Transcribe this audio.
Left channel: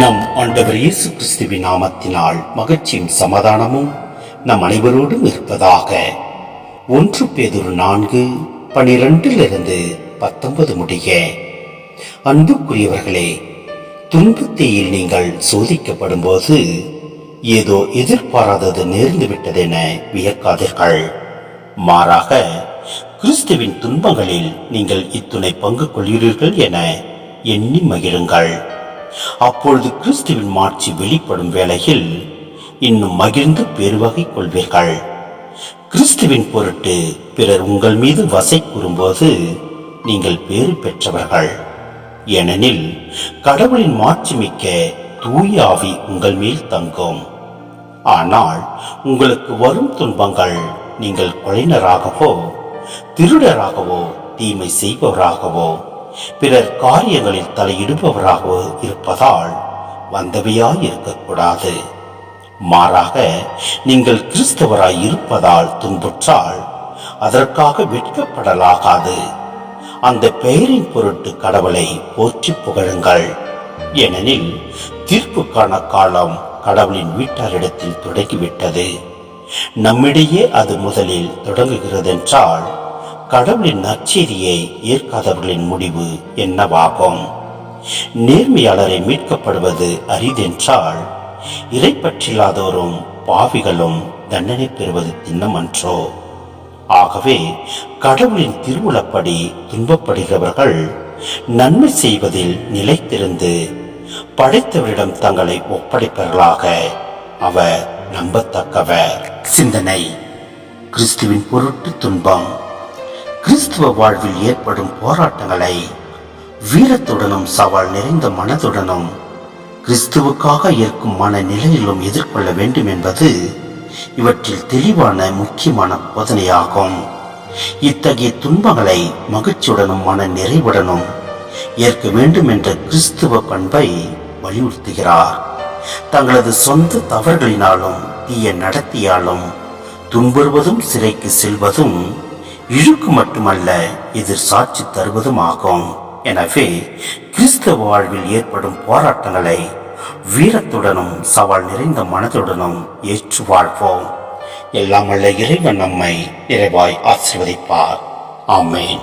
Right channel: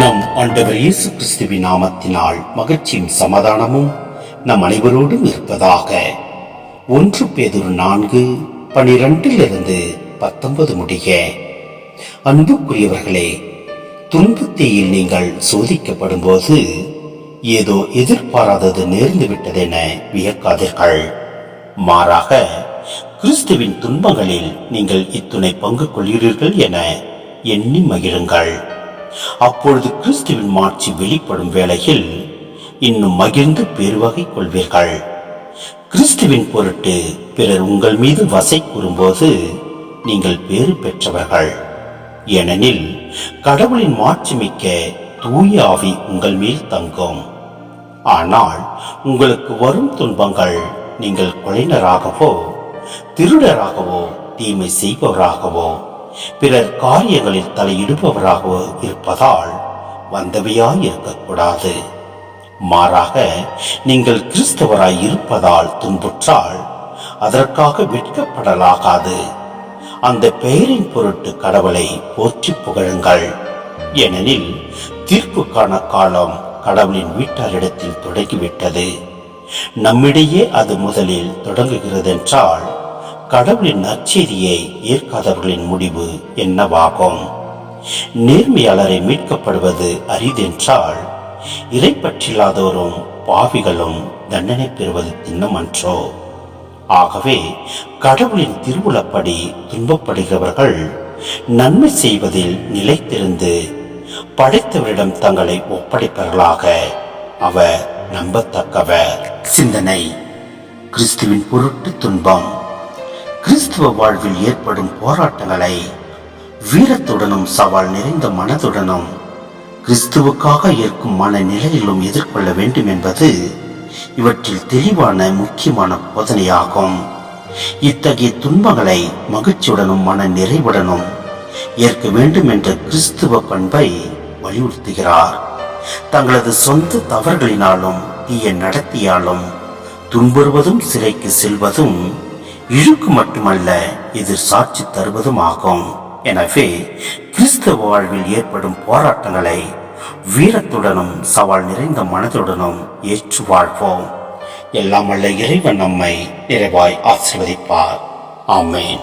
நம் ஆண்டவர் இயேசு கிறிஸ்துவின் நாமத்தினால் மகிழ்ச்சியும் சமாதானமும் நம் அனைவரோடும் இருப்பதாக. 1 பேதுரு 4:12-19 முடிய. அன்புக்குரியவர்களே, துன்பத்தீயில் நீங்கள் சோதிக்கப்படும் போது ஏதோ எதிர்பாராதது நேர்ந்து விட்டதென வியக்காதீர்கள். மாறாக கிறிஸ்துவின் துன்பங்களில் நீங்கள் இத்துணை பங்கு கொள்கிறீர்கள் என எண்ணி மகிழுங்கள். அப்பொழுது கிறிஸ்துவின் மாட்சி வெளிப்படும் வேளையில் இன்னும் மகிழ்ந்து பெருவகை கொள்வீர்கள். கிறிஸ்துவின் பொருட்டு பிறர் உங்கள் மீது வசை கூறும்போது நீங்கள் பேறு பெற்றவர்கள். ஏனெனில் கடவுளின் மாட்சி மிக்க தூய ஆவி உங்கள் மேல் தங்கும். ஆனால் உங்களுக்கு வரும் துன்பங்கள் நீங்கள் கொலைஞராகவோ திருடராகவோ தீமை செய்பவராகவோ பிறர் காரியங்களில் தலையிடுபவராகவோ இருப்பதால் வந்தவையாய் இருக்கக்கூடாது. மாறாக நீங்கள் கிறிஸ்தவராய் இருப்பதால் துன்புற்றால் அதற்காக வெட்கப்படலாகாது. அந்த பெயரின் பொருட்டு கடவுளை போற்றி புகழுங்கள். ஏனெனில் தீர்ப்புக்கான காலம் கடவுளின் வீட்டாரிடத்தில் தொடங்கிவிட்டது. நம்மிடையே அது முதலில் தொடங்குகிறதென்றால் கடவுளின் நற்செய்தியை ஏற்காதவர்களின் முடிவு என்னவாகும்? நேர்மையாளரை மீட்கப்படுவது அரிதென்றால் இறைப்பற்றில்லாதோரும் பாவிகளும் தண்டனை பெறுவது திண்ணமன்றோ? ஆகவே கடவுளின் திருவுளப்படி துன்பப்படுகிறவர்கள் நன்மை செய்வதில் நிலைத்திருந்து படைத்தவரிடம் தங்களை ஒப்படைப்பவர்களாக அவர் நம்பத்தக்கவர். சிந்தனை: கிறிஸ்துவின் பொருட்டு துன்பம். கிறிஸ்துவ வாழ்வில் ஏற்படும் போராட்டங்களை வீரத்துடனும் சவால் நிறைந்த மனதுடனும் கிறிஸ்துவுக்காக ஏற்கும் மனநிலையிலும் எதிர்கொள்ள வேண்டும் என்பது இவற்றில் தெளிவான முக்கியமான போதனையாகும். இத்தகைய துன்பங்களை மகிழ்ச்சியுடனும் மன நிறைவுடனும் ஏற்க வேண்டும் என்ற கிறிஸ்துவ பண்பை வலியுறுத்துகிறார். தங்களது சொந்த தவறுகளினாலும் தீய நடத்தியாலும் துன்புறுவதும் சிறைக்கு செல்வதும் இழுக்கு மட்டுமல்ல, எதிர் சாட்சி தருவதும் ஆகும். எனவே கிறிஸ்தவ வாழ்வில் ஏற்படும் போராட்டங்களை வீரத்துடனும் சவால் நிறைந்த மனதுடனும் ஏற்று வாழ்வோம். எல்லாம் வல்ல இறைவன் நம்மை நிறைவாய் ஆசீர்வதிப்பார். ஆமென்.